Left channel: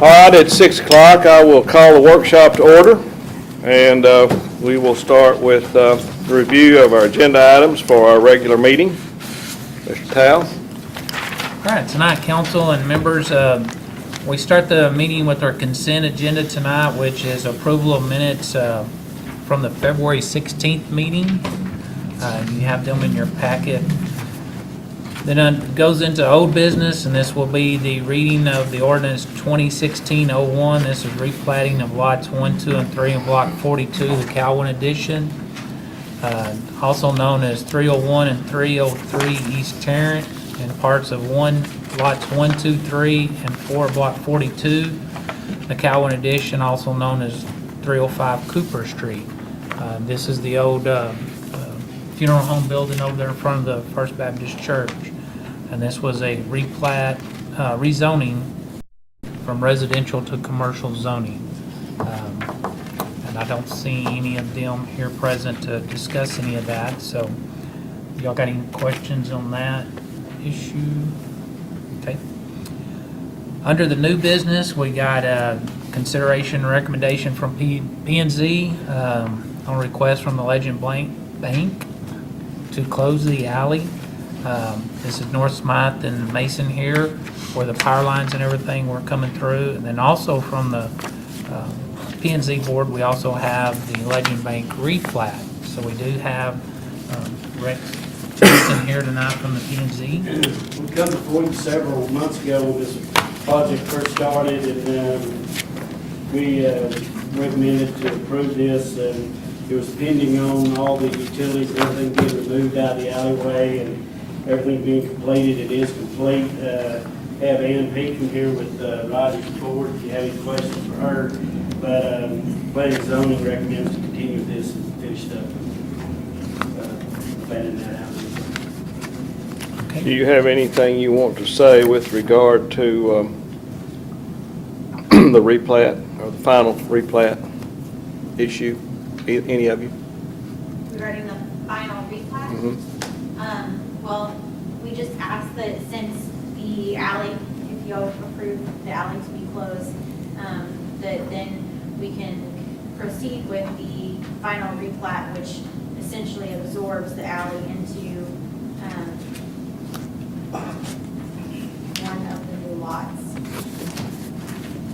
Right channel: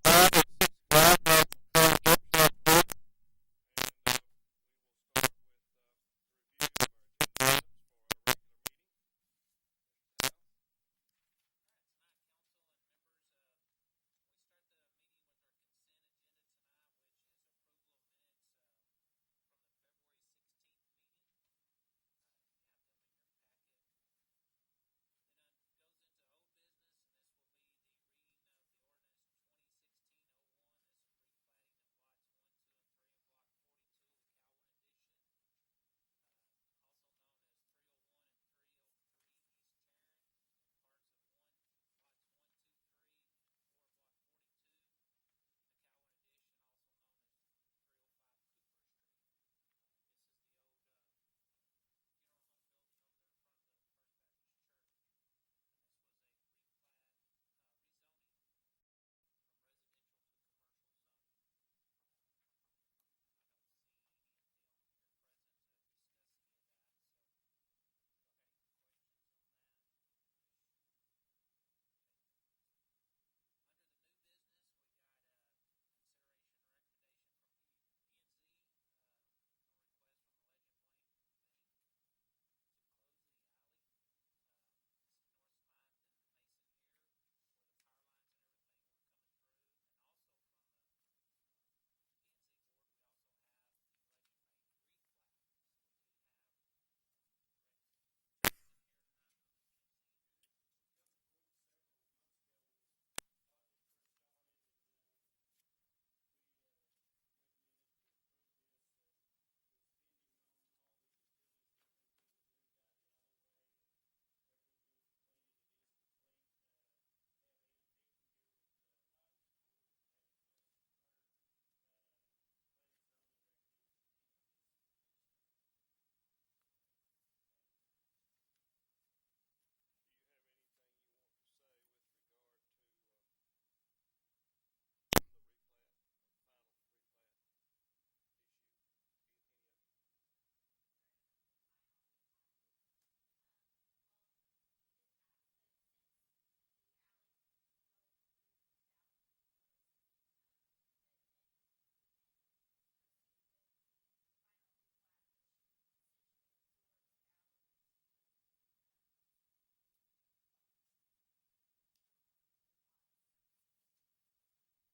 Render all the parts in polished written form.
All right, at 6 o'clock, I will call the workshop to order, and we will start with the review of our agenda items for our regular meeting. Mr. Tao? All right, tonight, council and members, we start the meeting with our consent agenda tonight, which is approval of minutes from the February 16th meeting. You have them in your packet. Then it goes into old business, and this will be the reading of the ordinance 2016-01. This is replatting of lots 1, 2, and 3 in block 42, the Calvin addition, also known as 301 and 303 East Tarrant, and parts of lots 1, 2, 3, and 4 block 42, the Calvin addition, also known as 305 Cooper Street. This is the old funeral home building over there in front of the First Baptist Church. And this was a replat, rezoning from residential to commercial zoning. And I don't see any of them here present to discuss any of that. So y'all got any questions on that issue? Okay. Under the new business, we got a consideration and recommendation from P&Z on request from the Legend Bank to close the alley. This is North Smythe and Mason here, where the power lines and everything were coming through. And then also from the P&Z board, we also have the Legend Bank replat. So we do have Rex Johnson here tonight from the P&Z. We come before you several months ago when this project first started, and we recommended to approve this, and it was pending on all the utilities and everything being removed out of the alleyway and everything being completed. It is complete. Have Ann Pekin here with Roger Ford if you have any questions for her. But planning and zoning recommends to continue with this and finish up planning that out. Okay. Do you have anything you want to say with regard to the replat or the final replat issue? Any of you? Regarding the final replat? Mhm. Well, we just asked that since the alley, if you all approve the alley to be closed, that then we can proceed with the final replat, which essentially absorbs the alley into one of the new lots.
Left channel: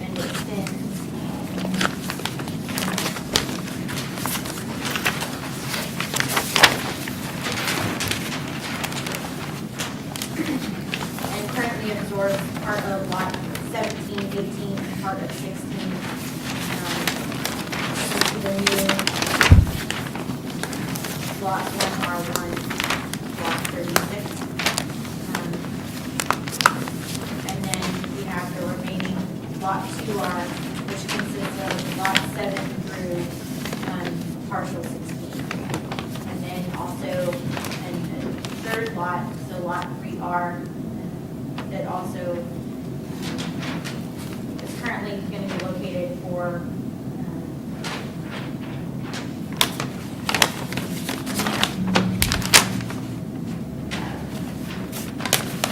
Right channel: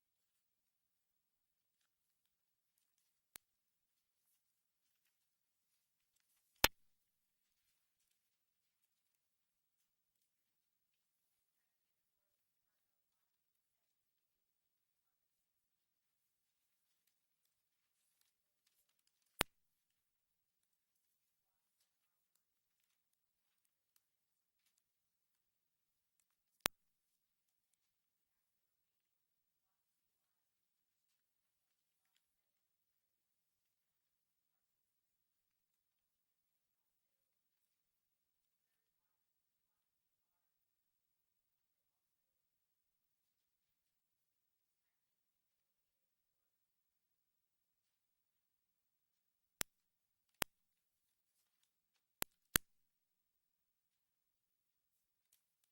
And extends and currently absorbs part of lot 17, 18, and part of 16. Into the new lot 1R1, block 36. And then we have the remaining lot 2R, which consists of lot 7 through partial 16. And then also a third lot, so lot 3R, that also is currently going to be located for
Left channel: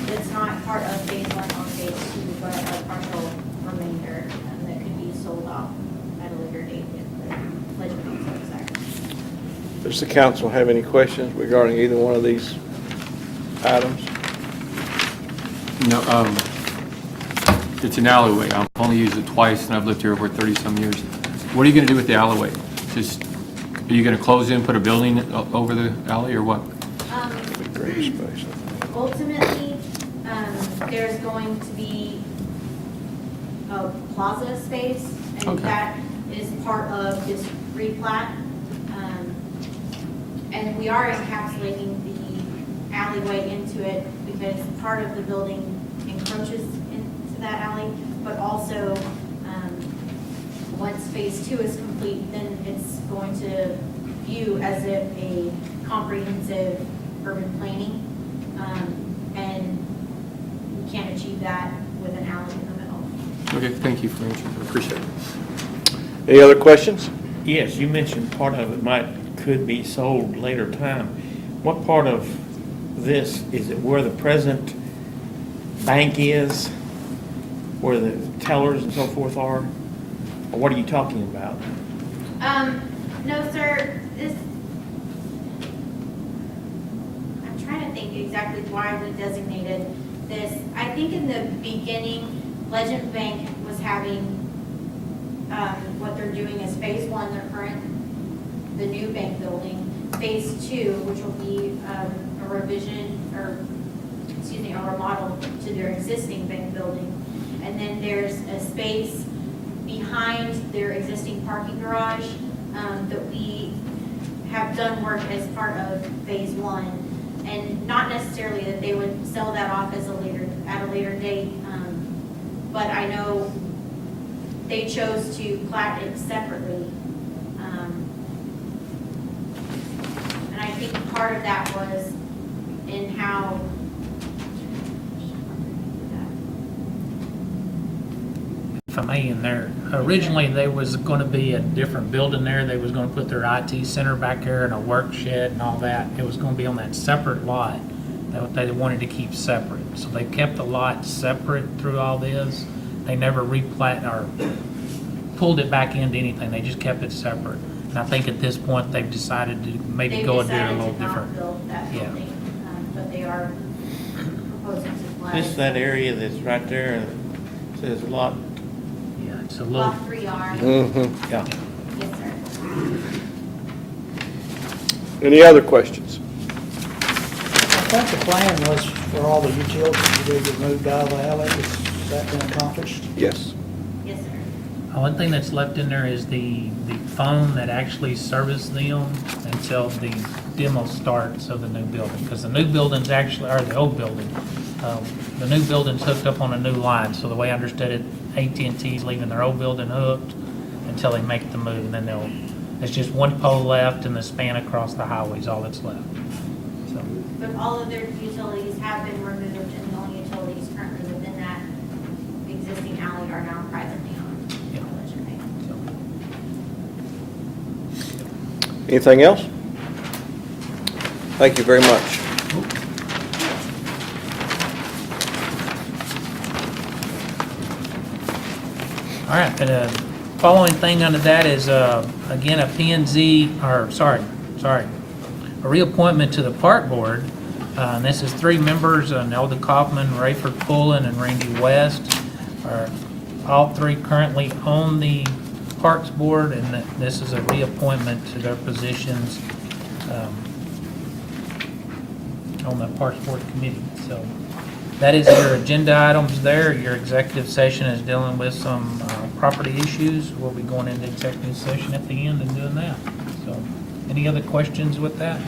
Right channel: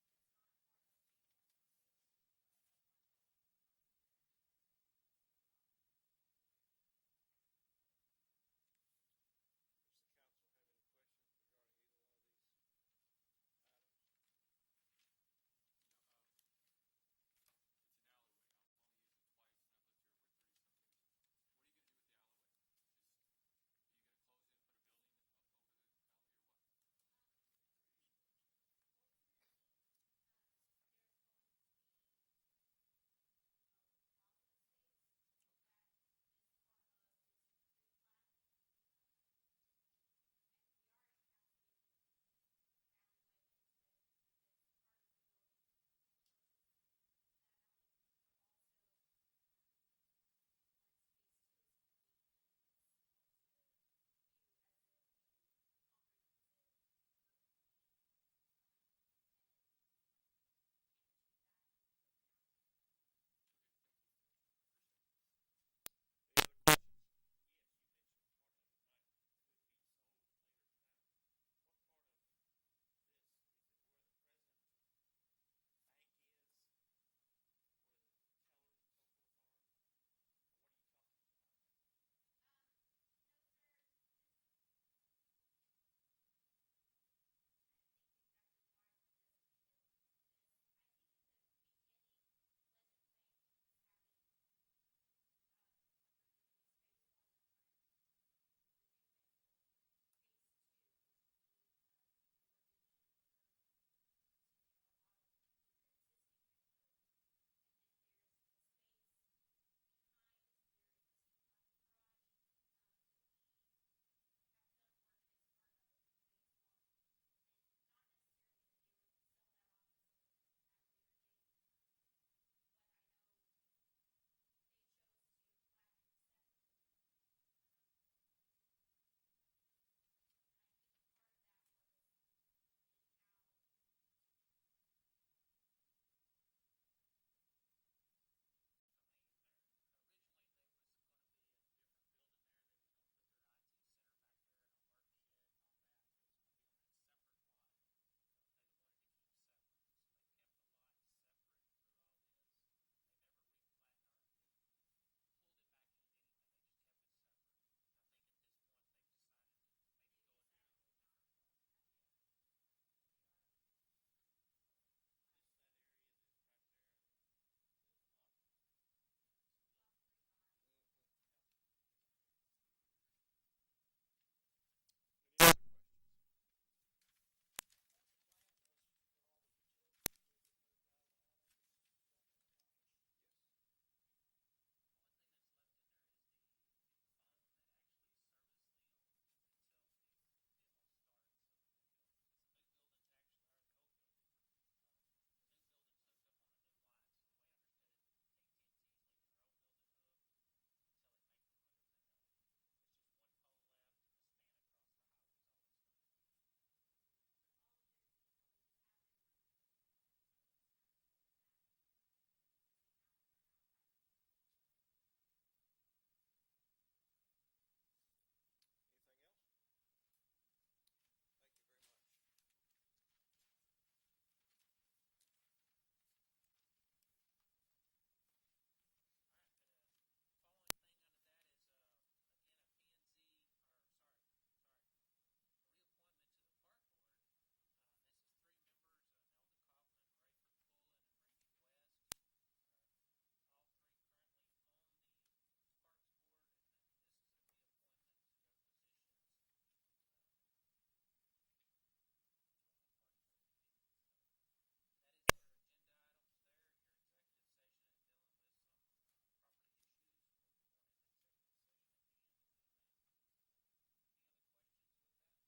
it's not part of phase 1 or phase 2, but a partial remainder that could be sold off at a later date if the Legend Bank so desires. Does the council have any questions regarding either one of these items? No, it's an alleyway. I've only used it twice, and I've lived here for 30-some years. What are you going to do with the alleyway? Just, are you going to close in, put a building over the alley, or what? Green space. Ultimately, there's going to be a plaza space, and Okay. that is part of this replat. And we are encapsulating the alleyway into it because part of the building encroaches into that alley, but also once phase 2 is complete, then it's going to view as if a comprehensive urban planning, and we can't achieve that with an alley in the middle. Okay, thank you for answering. I appreciate it. Any other questions? Yes, you mentioned part of it could be sold later time. What part of this, is it where the present bank is? where the tellers and so forth are? Or what are you talking about? No, sir, I'm trying to think exactly why we designated this. I think in the beginning, Legend Bank was having, what they're doing is phase one, the new bank building. Phase two, which will be, a revision, or, a remodel to their existing bank building. And then there's a space behind their existing parking garage, that we have done work as part of phase one. And not necessarily that they would sell that off at a later date, but I know they chose to plat it separately. And I think part of that was in how If I may, in there, originally there was gonna be a different building there. They was gonna put their IT center back there and a work shed and all that. It was gonna be on that separate lot that they wanted to keep separate. So they kept the lot separate through all this. They never replat or pulled it back into anything. They just kept it separate. And I think at this point, they've decided to maybe they've go and do it a decided little to not different. build that Yeah. building, but they are proposing to plat. This is that area that's right there, and says lot, Yeah, it's a little, Lot 3R, yeah. yes, sir. Any other questions? I think the plan was for all the utilities to be removed out of the alley. Has that been accomplished? Yes. Yes, sir. One thing that's left in there is the phone that actually serviced them until the demo starts of the new building. Because the new building's actually, or the old building, the new building's hooked up on a new line. So the way I understood it, AT&T's leaving their old building hooked until they make the move. And then there's just one pole left and the span across the highway's all that's left. So, But all of their utilities have been removed, and the only utilities currently within that existing alley are now privately owned. Yeah. Legend Bank. so. Anything else? Thank you very much. All right, the following thing under that is, again, a a reappointment to the Park Board. And this is 3 members, Nelda Kaufman, Rayford Pullen, and Randy West. Are all 3 currently on the Parks Board, and this is a reappointment to their positions on the Parks Board Committee. So that is your agenda items there. Your executive session is dealing with some property issues. We'll be going into executive session at the end and doing that. So, any other questions with that?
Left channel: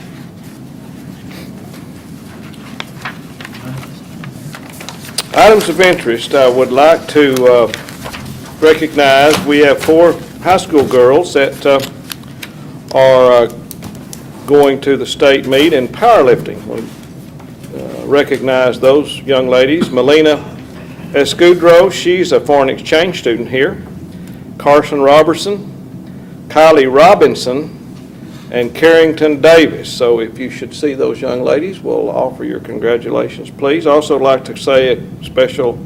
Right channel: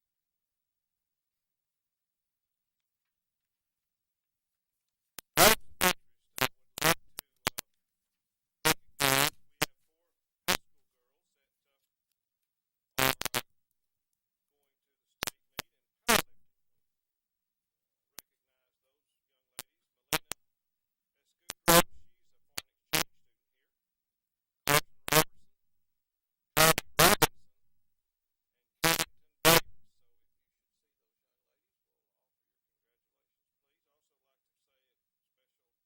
Items of interest, I would like to recognize, we have 4 high school girls that are going to the state meet in powerlifting. We recognize those young ladies. Melina Escudero, she's a foreign exchange student here. Carson Robertson, Kylie Robinson, and Carrington Davis. So if you should see those young ladies, we'll offer your congratulations, please. Also like to say a special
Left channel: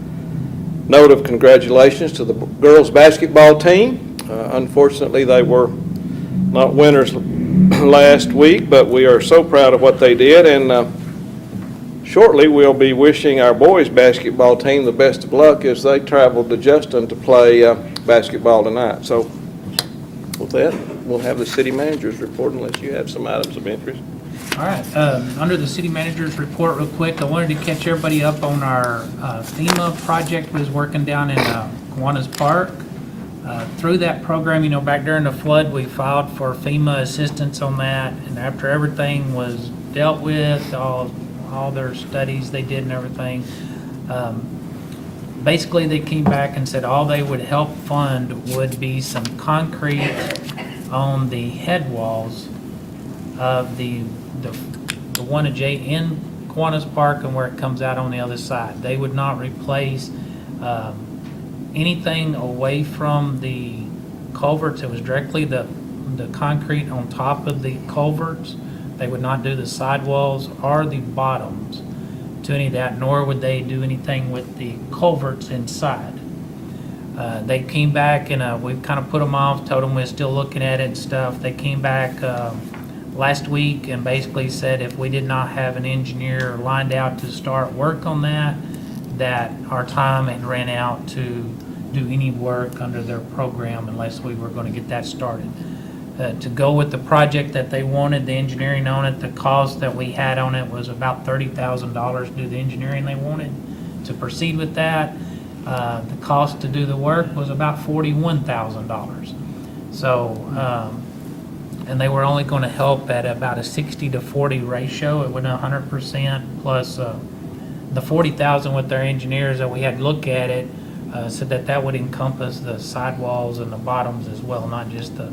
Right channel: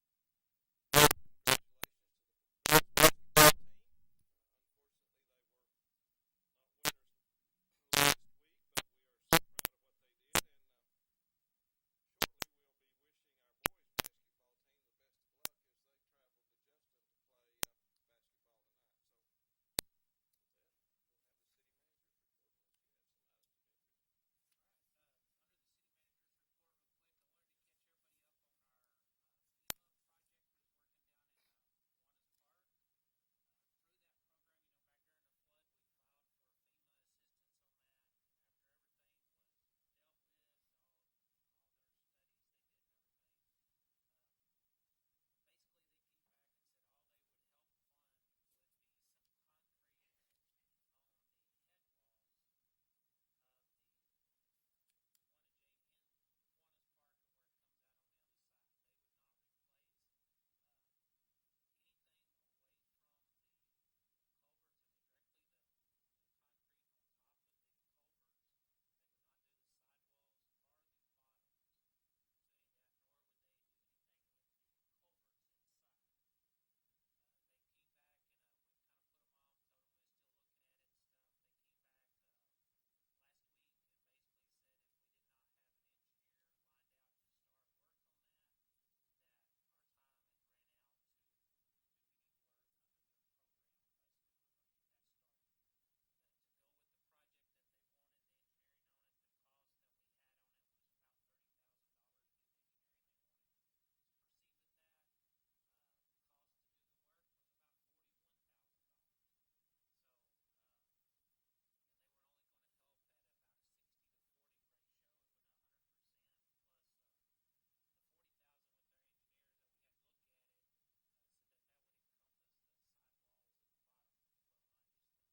note of congratulations to the girls' basketball team. Unfortunately, they were not winners last week, but we are so proud of what they did, and shortly we'll be wishing our boys' basketball team the best of luck as they travel to Justin to play basketball tonight. So with that, we'll have the city manager's report unless you have some items of interest. All right, under the city manager's report real quick, I wanted to catch everybody up on our FEMA project we was working down in Kiwanis Park. Through that program, back during the flood, we filed for FEMA assistance on that, and after everything was dealt with, all their studies they did and everything, basically they came back and said all they would help fund would be some concrete on the head walls of the one in Kiwanis Park and where it comes out on the other side. They would not replace anything away from the culverts. It was directly the concrete on top of the culverts. They would not do the sidewalls or the bottoms to any of that, nor would they do anything with the culverts inside. They came back and we've kind of put them off, told them we're still looking at it and stuff. They came back last week and basically said if we did not have an engineer lined out to start work on that, that our time had ran out to do any work under their program unless we were going to get that started. To go with the project that they wanted, the engineering on it, the cost that we had on it was about $30,000 to do the engineering they wanted. To proceed with that, the cost to do the work was about $41,000. So, and they were only going to help at about a 60-40 ratio. It wasn't 100% plus the 40,000 with their engineers that we had look at it, said that that would encompass the sidewalls and the bottoms as well, not just the,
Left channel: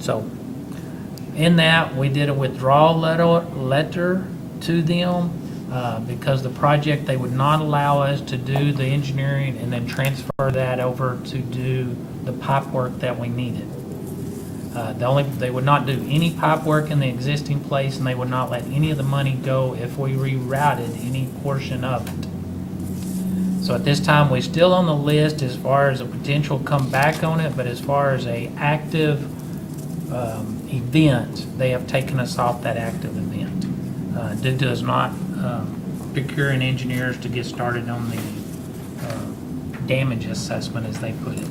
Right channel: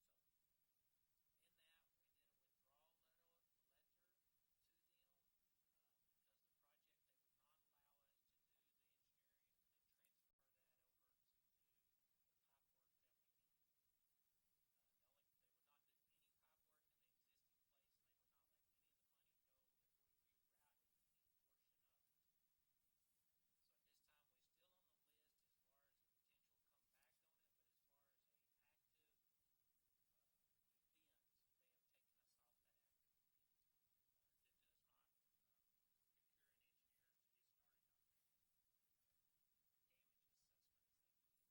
so in that, we did a withdrawal letter to them because the project, they would not allow us to do the engineering and then transfer that over to do the pipe work that we needed. They would not do any pipe work in the existing place, and they would not let any of the money go if we rerouted any portion of it. So at this time, we're still on the list as far as a potential comeback on it, but as far as a active event, they have taken us off that active event due to us not procuring engineers to get started on the damage assessment, as they put it.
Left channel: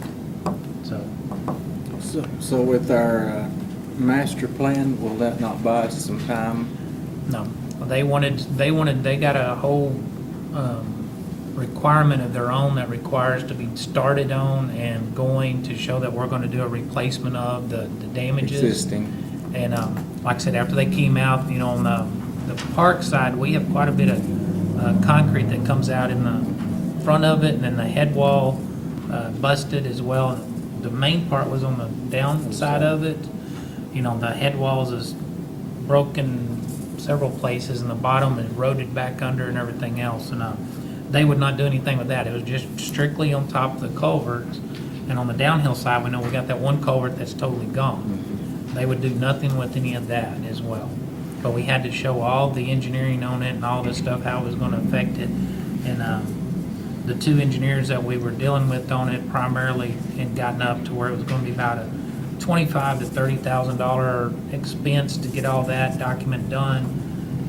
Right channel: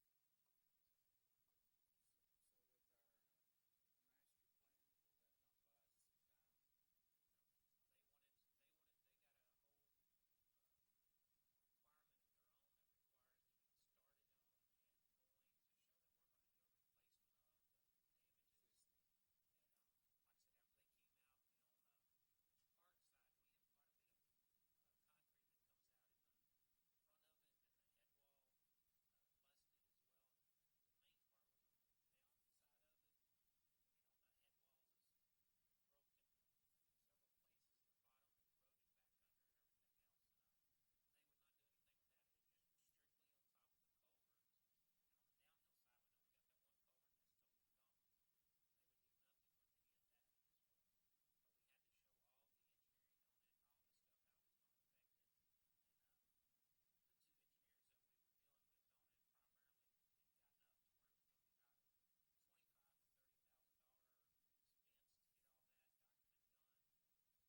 So with our master plan, will that not buy us some time? No, they got a whole requirement of their own that requires to be started on and going to show that we're going to do a replacement of the damages. Existing. And like I said, after they came out, you know, on the park side, we have quite a bit of concrete that comes out in the front of it, and then the head wall busted as well. The main part was on the downside of it. You know, the head walls is broken several places, and the bottom is eroded back under and everything else. And they would not do anything with that. It was just strictly on top of the culverts. And on the downhill side, we know we got that one culvert that's totally gone. They would do nothing with any of that as well. But we had to show all the engineering on it and all this stuff, how it was gonna affect it. And the two engineers that we were dealing with on it primarily had gotten up to where it was gonna be about a $25,000 to $30,000 expense to get all that document done.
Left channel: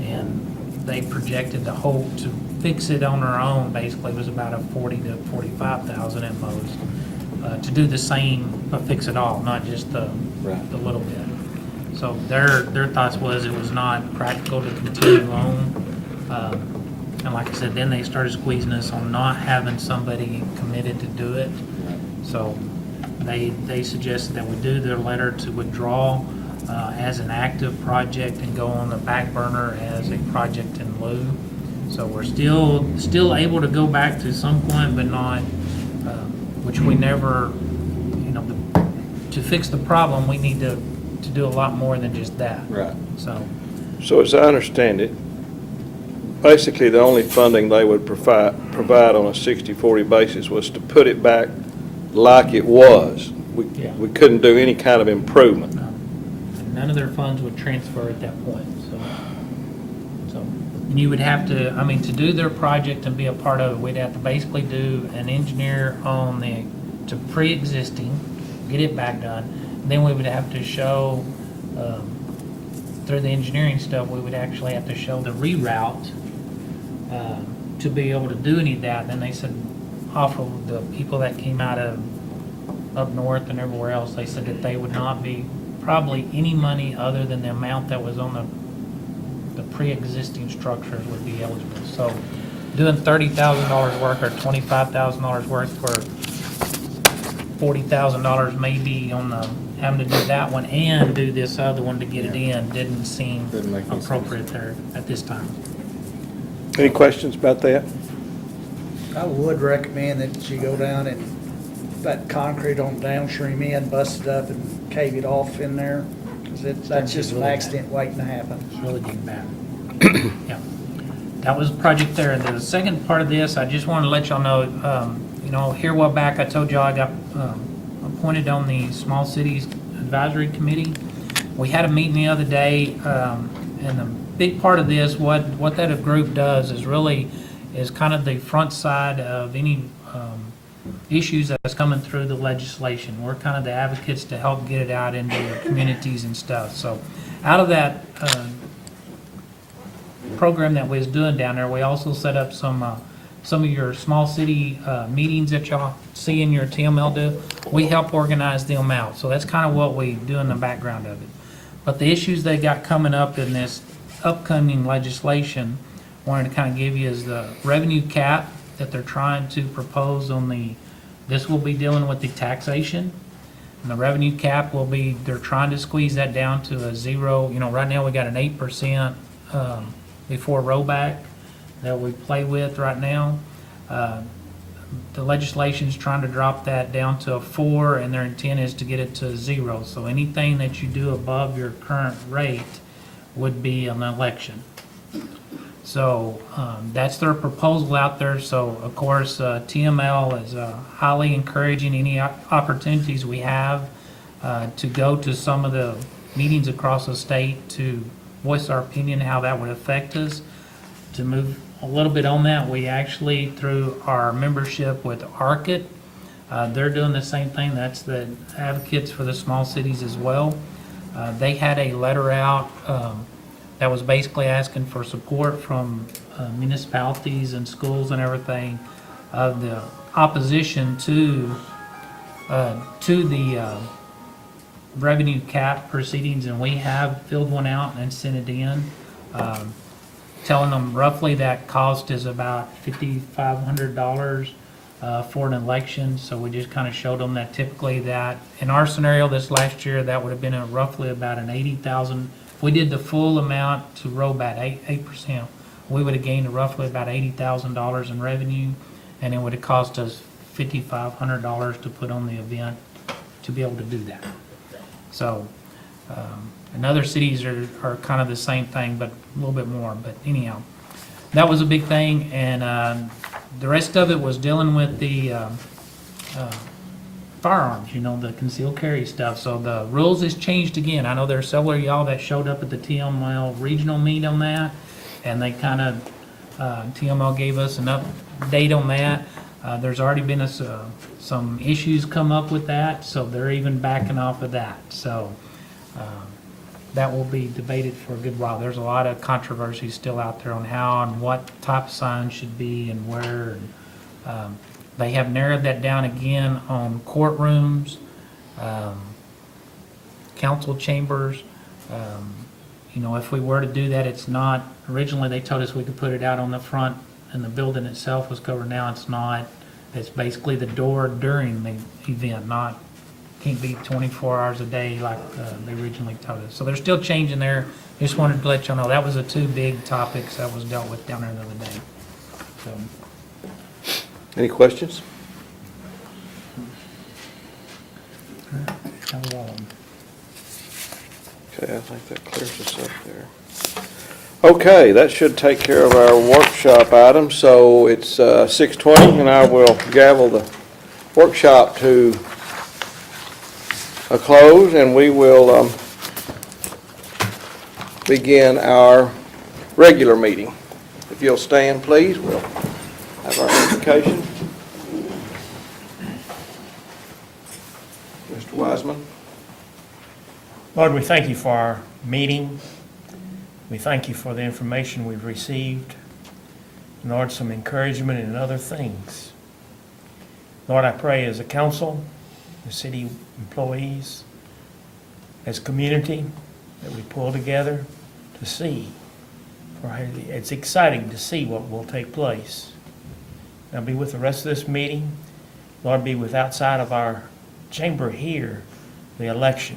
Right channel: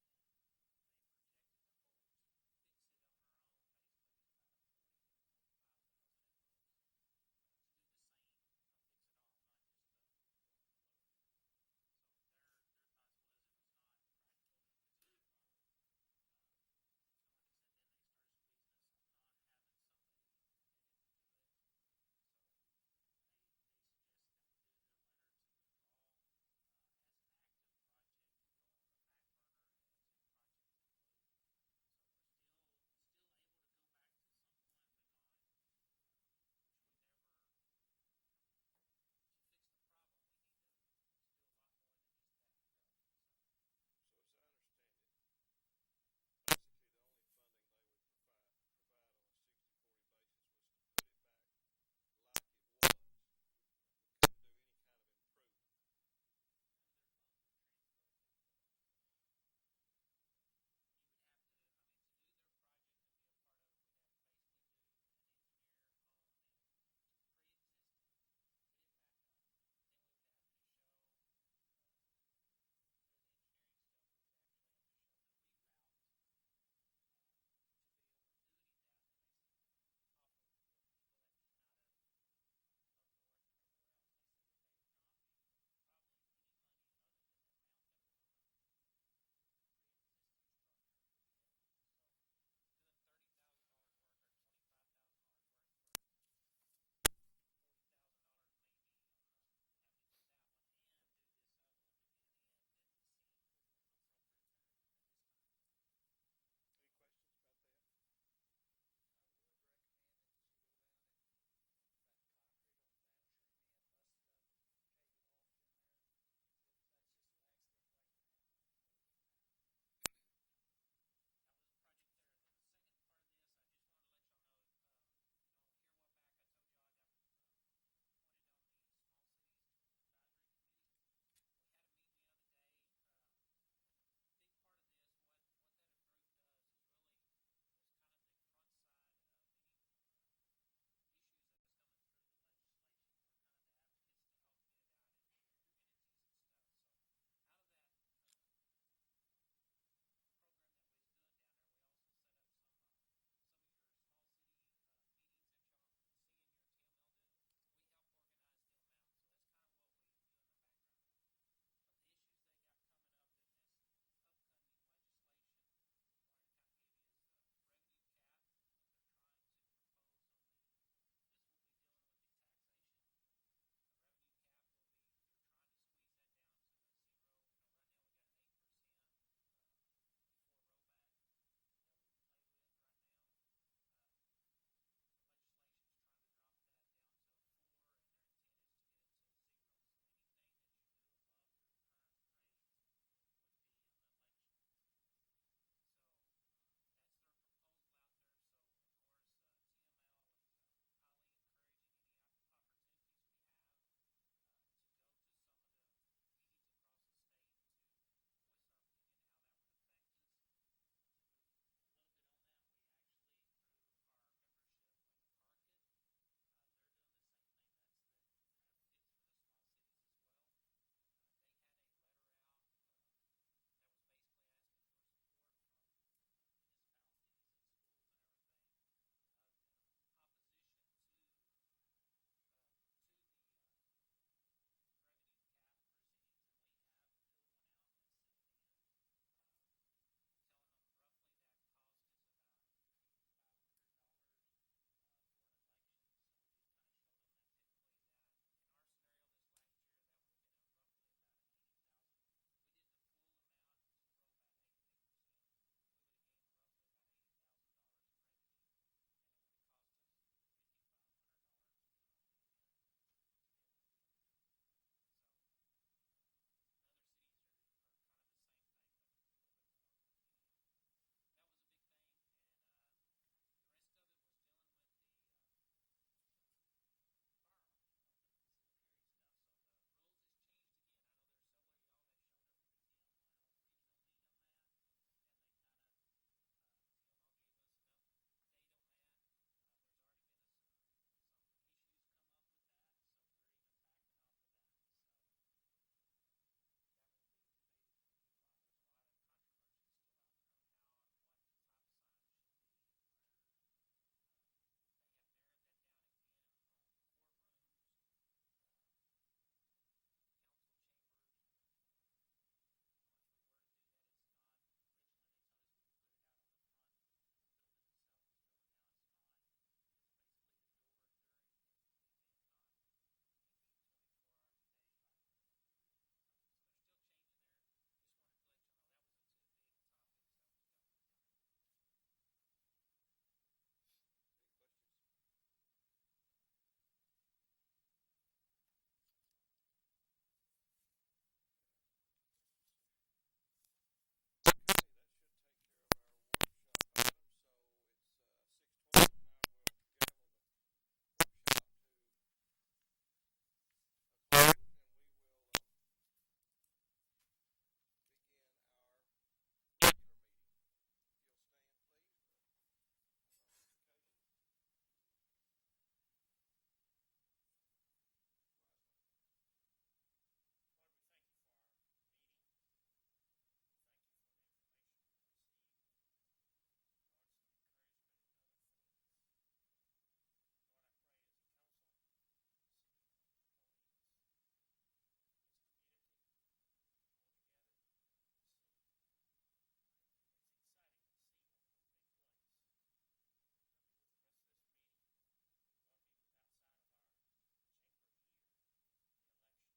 And they projected the whole, to fix it on our own, basically was about a $40,000 to $45,000 at most. To do the same, but fix it all, not just the little bit. So their thoughts was it was not practical to continue on. And like I said, then they started squeezing us on not having somebody committed to do it. So they suggested that we do their letter to withdraw as an active project and go on the back burner as a project in lieu. So we're still able to go back to some point, but not, which we never, you know, to fix the problem, we need to do a lot more than just that. Right. So as I understand it, basically the only funding they would provide on a 60-40 basis was to put it back like it was. Yeah. We couldn't do any kind of improvement. No. None of their funds would transfer at that point, so, and you would have to, I mean, to do their project and be a part of it, we'd have to basically do an engineer on to pre-existing, get it back done. Then we would have to show, through the engineering stuff, we would actually have to show the reroute to be able to do any of that. Then they said, off of the people that came out of up north and everywhere else, they said that they would not be probably any money other than the amount that was on the pre-existing structures would be eligible. So doing $30,000 work or $25,000 work for $40,000 maybe on the, having to do that one and do this other one to get it in didn't seem Didn't make any appropriate there at this time. Any questions about that? I would recommend that you go down and that concrete on downstream end, bust it up and cave it off in there. 'Cause that's just an accident waiting to happen. It's really getting bad. Yeah. That was a project there. The second part of this, I just wanted to let y'all know, you know, here a while back, I told y'all I got appointed on the Small Cities Advisory Committee. We had a meeting the other day, and the big part of this, what that group does is really is kind of the front side of any issues that's coming through the legislation. We're kind of the advocates to help get it out into the communities and stuff. So out of that program that we was doing down there, we also set up some of your small city meetings that y'all see in your TML do. We help organize them out. So that's kind of what we do in the background of it. But the issues they got coming up in this upcoming legislation, wanted to kind of give you is the revenue cap that they're trying to propose on this will be dealing with the taxation. And the revenue cap will be, they're trying to squeeze that down to a 0. Right now we got an 8% before rollback that we play with right now. The legislation's trying to drop that down to a 4, and their intent is to get it to 0. So anything that you do above your current rate would be an election. So that's their proposal out there. So of course, TML is highly encouraging any opportunities we have to go to some of the meetings across the state to voice our opinion how that would affect us. To move a little bit on that, we actually, through our membership with ARCIT, they're doing the same thing. That's the advocates for the small cities as well. They had a letter out that was basically asking for support from municipalities and schools and everything of the opposition to the revenue cap proceedings, and we have filled one out and sent it in, telling them roughly that cost is about $5,500 for an election. So we just kind of showed them that typically that in our scenario this last year that would have been roughly about an $80,000. If we did the full amount to roll back 8%, we would have gained roughly about $80,000 in revenue, and it would have cost us $5,500 to put on the event to be able to do that. So, and other cities are kind of the same thing, but a little bit more. But anyhow, that was a big thing, and the rest of it was dealing with the firearms, the concealed carry stuff. So the rules has changed again. I know there are several of y'all that showed up at the TML regional meet on that, and they kind of, TML gave us an update on that. There's already been some issues come up with that, so they're even backing off of that. So that will be debated for a good while. There's a lot of controversy still out there on how and what type of sign should be and where. And, they have narrowed that down again on courtrooms, council chambers. If we were to do that, it's not, originally they told us we could put it out on the front and the building itself was covered. Now it's not. It's basically the door during the event, can't be 24 hours a day like they originally told us. So they're still changing there. Just wanted to let y'all know that was the two big topics that was dealt with down there the other day. So. Any questions? That was all of them. Okay, I think that clears us up there. Okay, that should take care of our workshop item. So it's 6:20, and I will gavel the workshop to a close, and we will begin our regular meeting. If you'll stand, please, we'll have our invocation. Mr. Wiseman. Lord, we thank you for our meeting. We thank you for the information we've received. And Lord, some encouragement and other things. Lord, I pray as a council, the city employees, as community, that we pull together to see. It's exciting to see what will take place. Now be with the rest of this meeting. Lord, be with outside of our chamber here, the election.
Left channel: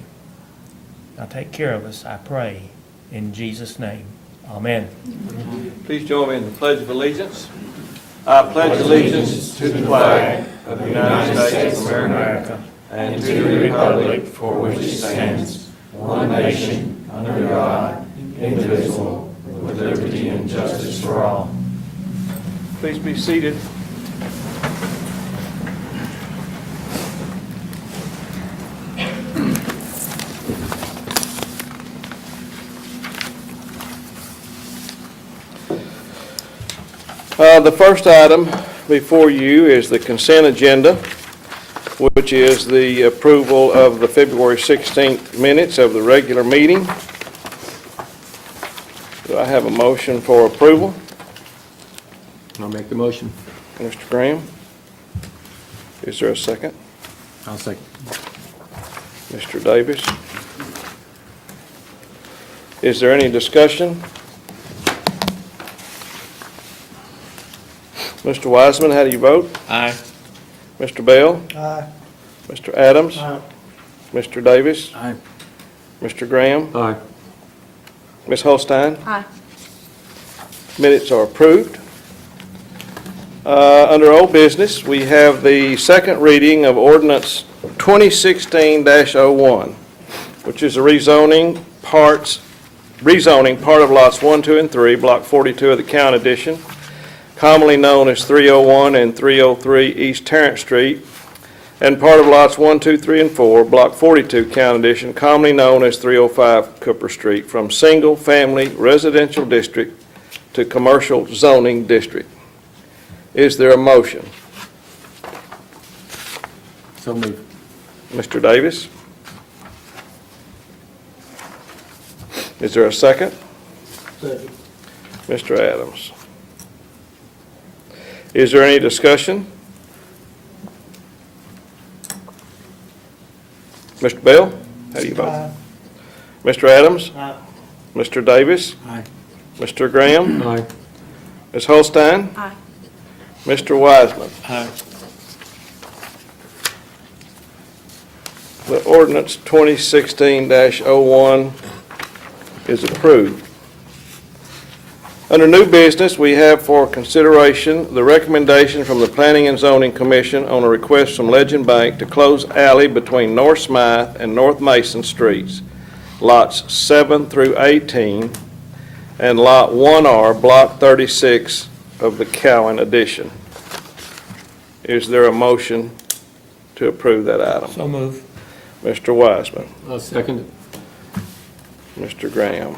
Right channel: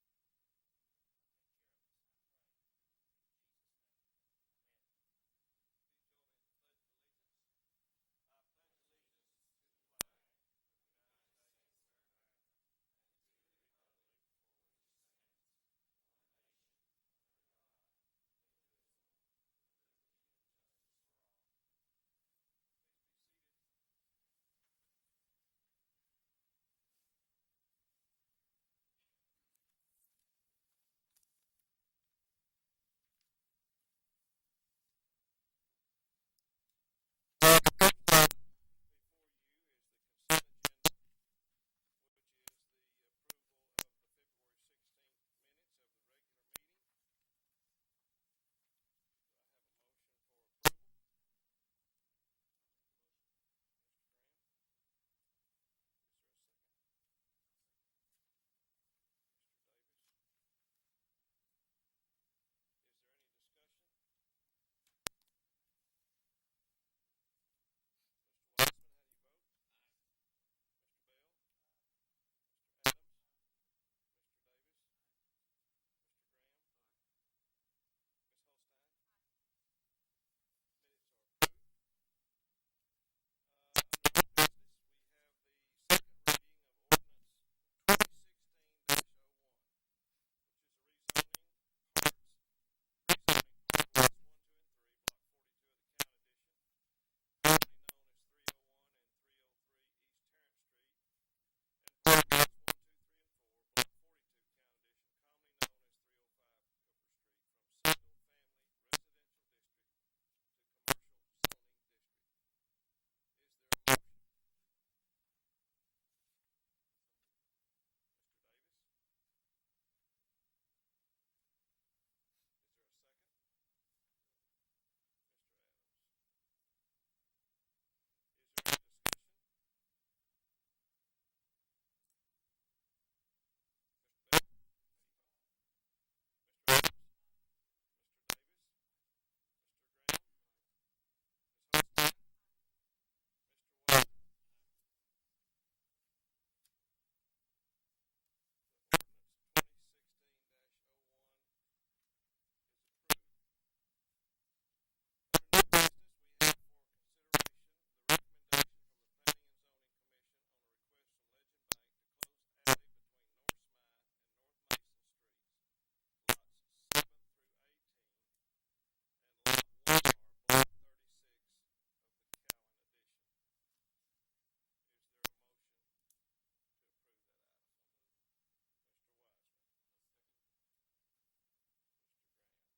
Now take care of us, I pray, in Jesus' name. Amen. Please join me in the Pledge of Allegiance. I pledge allegiance to the flag of the United States of America and to the republic for which it stands, one nation, under God, indivisible, with liberty and justice for all. Please be seated. The first item before you is the consent agenda, which is the approval of the February 16th minutes of the regular meeting. Do I have a motion for approval? I'll make the motion. Mr. Graham? Is there a second? I'll second. Mr. Davis? Is there any discussion? Mr. Wiseman, how do you vote? Aye. Mr. Bell? Aye. Mr. Adams? Mr. Davis? Aye. Mr. Graham? Aye. Ms. Holstein? Aye. Minutes are approved. Under old business, we have the second reading of ordinance 2016-01, which is a rezoning part of lots 1, 2, and 3, block 42 of the Cowan Addition, commonly known as 301 and 303 East Tarrant Street, and part of lots 1, 2, 3, and 4, block 42 Cowan Addition, commonly known as 305 Cooper Street, from single-family residential district to commercial zoning district. Is there a motion? So moved. Mr. Davis? Is there a second? Second. Mr. Adams? Is there any discussion? Mr. Bell? How do you vote? Aye. Mr. Adams? Aye. Mr. Davis? Aye. Mr. Graham? Aye. Ms. Holstein? Aye. Mr. Wiseman? Aye. The ordinance 2016-01 is approved. Under new business, we have for consideration the recommendation from the Planning and Zoning Commission on a request from Legend Bank to close alley between North Smythe and North Mason Streets, lots 7 through 18, and Lot 1R, Block 36 of the Cowan Addition. Is there a motion to approve that item? So move. Mr. Wiseman. I'll second it. Mr. Graham.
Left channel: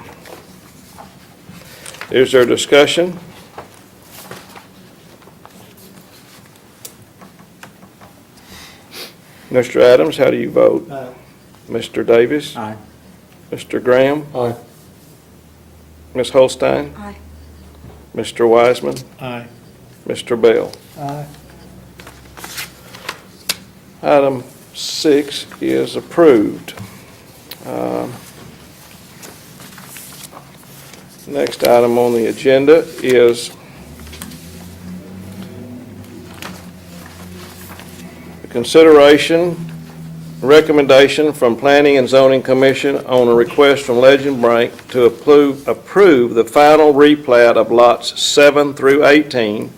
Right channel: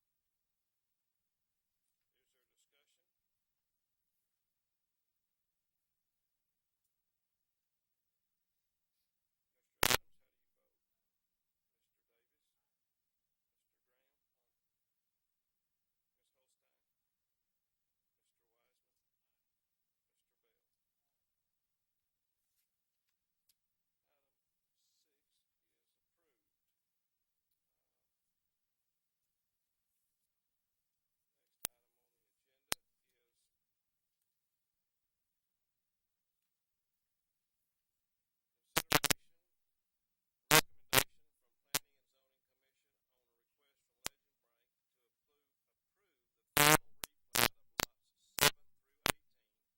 Is there discussion? Mr. Adams, how do you vote? Aye. Mr. Davis? Aye. Mr. Graham? Aye. Ms. Holstein? Aye. Mr. Wiseman? Aye. Mr. Bell? Aye. Item 6 is approved. Next item on the agenda is the consideration, recommendation from Planning and Zoning Commission on a request from Legend Bank to approve the final replat of lots 7 through 18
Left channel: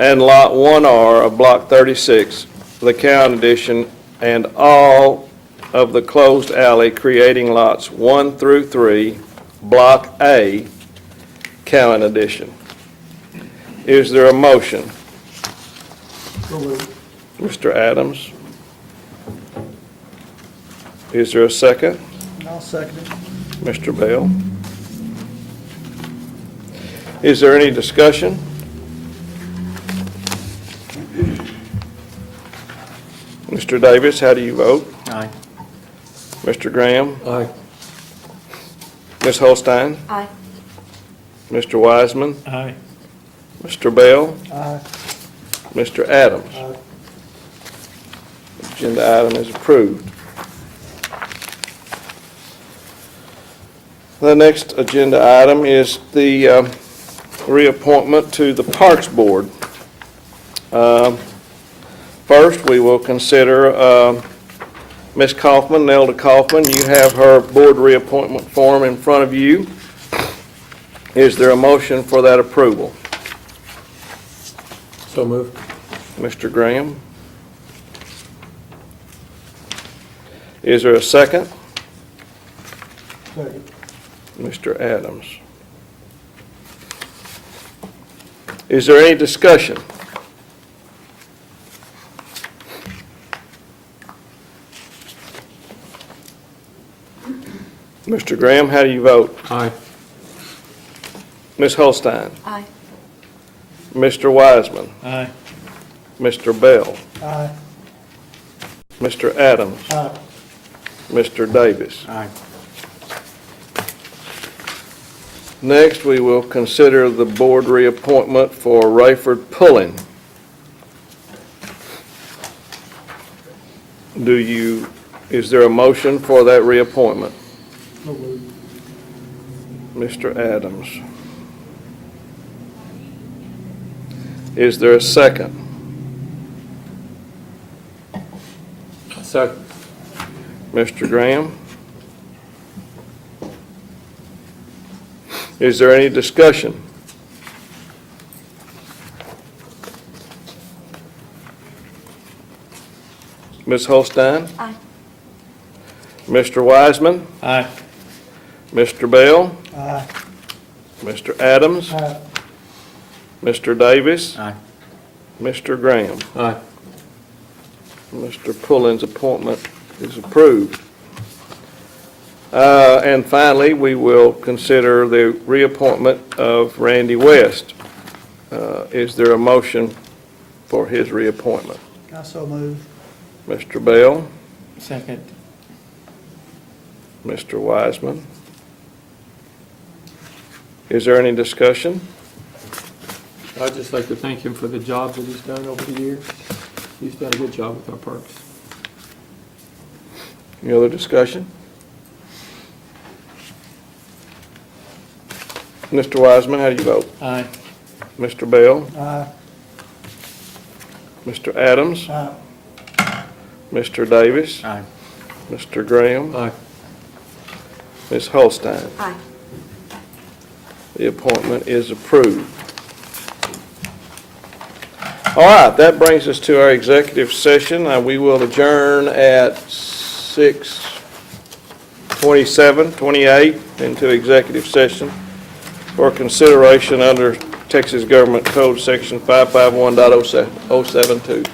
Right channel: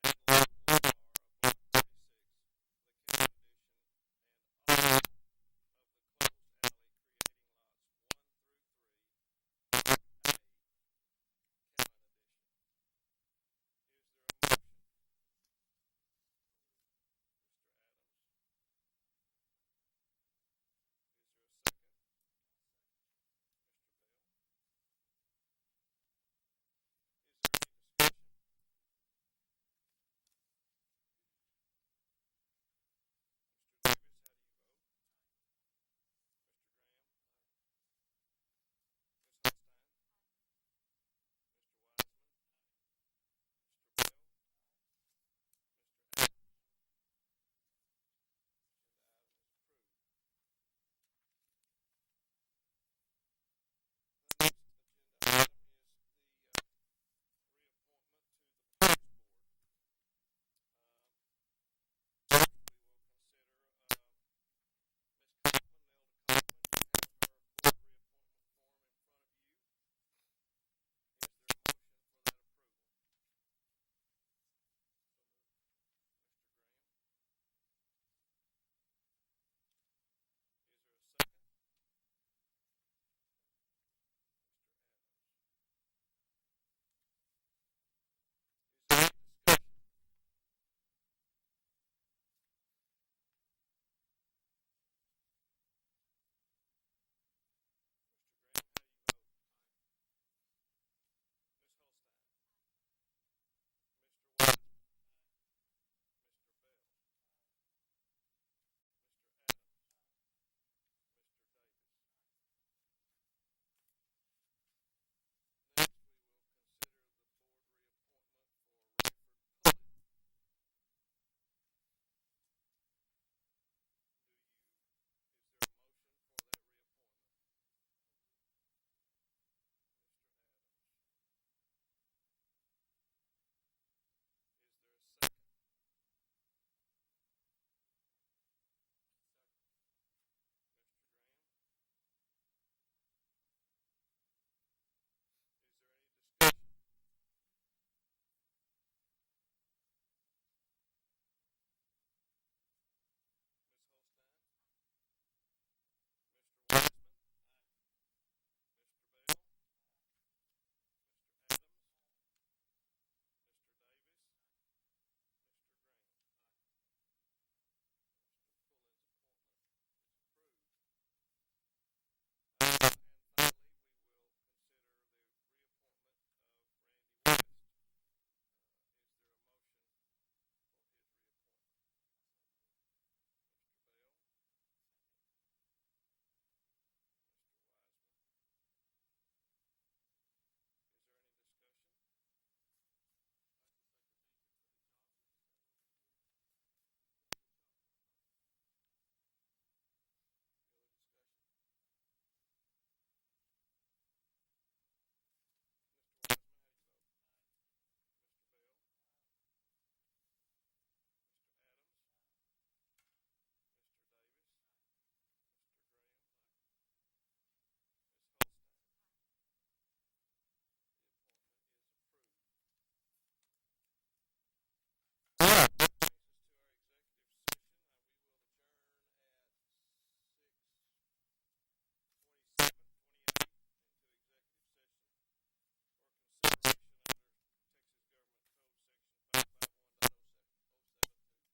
and Lot 1R of Block 36, the Cowan Addition, and all of the closed alley creating lots 1 through 3, Block A, Cowan Addition. Is there a motion? Mr. Adams? Is there a second? I'll second it. Mr. Bell? Is there any discussion? Mr. Davis, how do you vote? Aye. Mr. Graham? Aye. Ms. Holstein? Aye. Mr. Wiseman? Aye. Mr. Bell? Aye. Mr. Adams? Agenda item is approved. The next agenda item is the reappointment to the Parks Board. First, we will consider Ms. Kaufman, Nelda Kaufman. You have her board reappointment form in front of you. Is there a motion for that approval? So moved. Mr. Graham? Is there a second? Second. Mr. Adams. Is there any discussion? Mr. Graham, how do you vote? Aye. Ms. Holstein? Aye. Mr. Wiseman, Aye. Mr. Bell, Aye. Mr. Adams, Aye. Mr. Davis. Aye. Next, we will consider the board reappointment for Rayford Pullen. Is there a motion for that reappointment? Mr. Adams. Is there a second? Second. Mr. Graham? Is there any discussion? Ms. Holstein? Aye. Mr. Wiseman? Aye. Mr. Bell? Aye. Mr. Adams? Aye. Mr. Davis? Aye. Mr. Graham? Aye. Mr. Pullen's appointment is approved. And finally, we will consider the reappointment of Randy West. Is there a motion for his reappointment? I so move. Mr. Bell, Second. Mr. Wiseman. Is there any discussion? I'd just like to thank him for the job that he's done over the years. He's done a good job with our parks. Any other discussion? Mr. Wiseman, how do you vote? Aye. Mr. Bell, Aye. Mr. Adams, Aye. Mr. Davis, Aye. Mr. Graham, Aye. Ms. Holstein. Aye. The appointment is approved. All right, that brings us to our executive session. We will adjourn at 6:28 into executive session for consideration under Texas Government Code Section 551.072.